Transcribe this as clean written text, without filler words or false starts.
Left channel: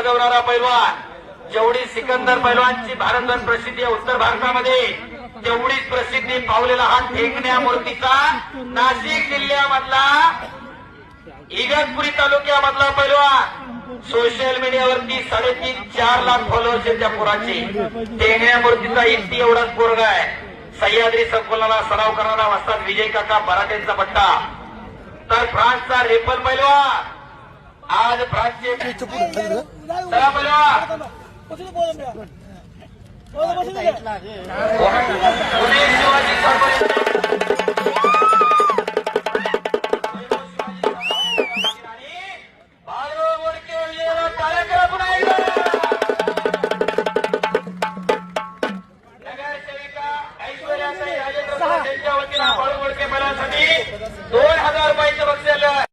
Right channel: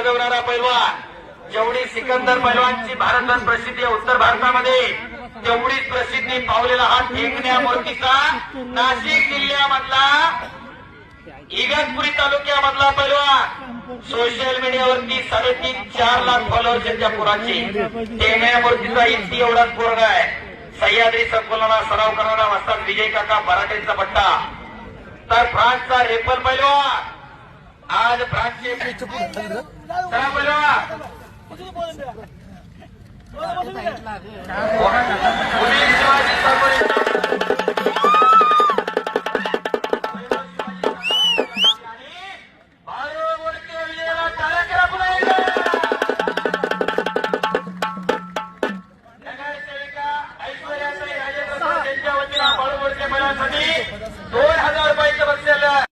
गाजवणारा पैलवान, जेवढी सिकंदर पैलवानची भारतभर प्रसिद्धी आहे उत्तर भारतामध्ये, तेवढीच प्रसिद्धी पावलेला हा ठेकण्या मूर्तीचा नाशिक जिल्ह्यामधला इगतपुरी तालुक्यामधला पैलवान, सोशल मीडियावरती 3.5-4 लाख फॉलोअर्स आहेत त्या पोराचे. ठेकण्या मूर्तीचा इतकी एवढाच पोरगा आहे. सह्याद्री संकुलाला सराव करणारा वस्ताद विजय काका बराटेंचा पट्टा. तर फ्रान्सचा रेफर पैलवान, आज फ्रान्सचे पैलवान शिवाजी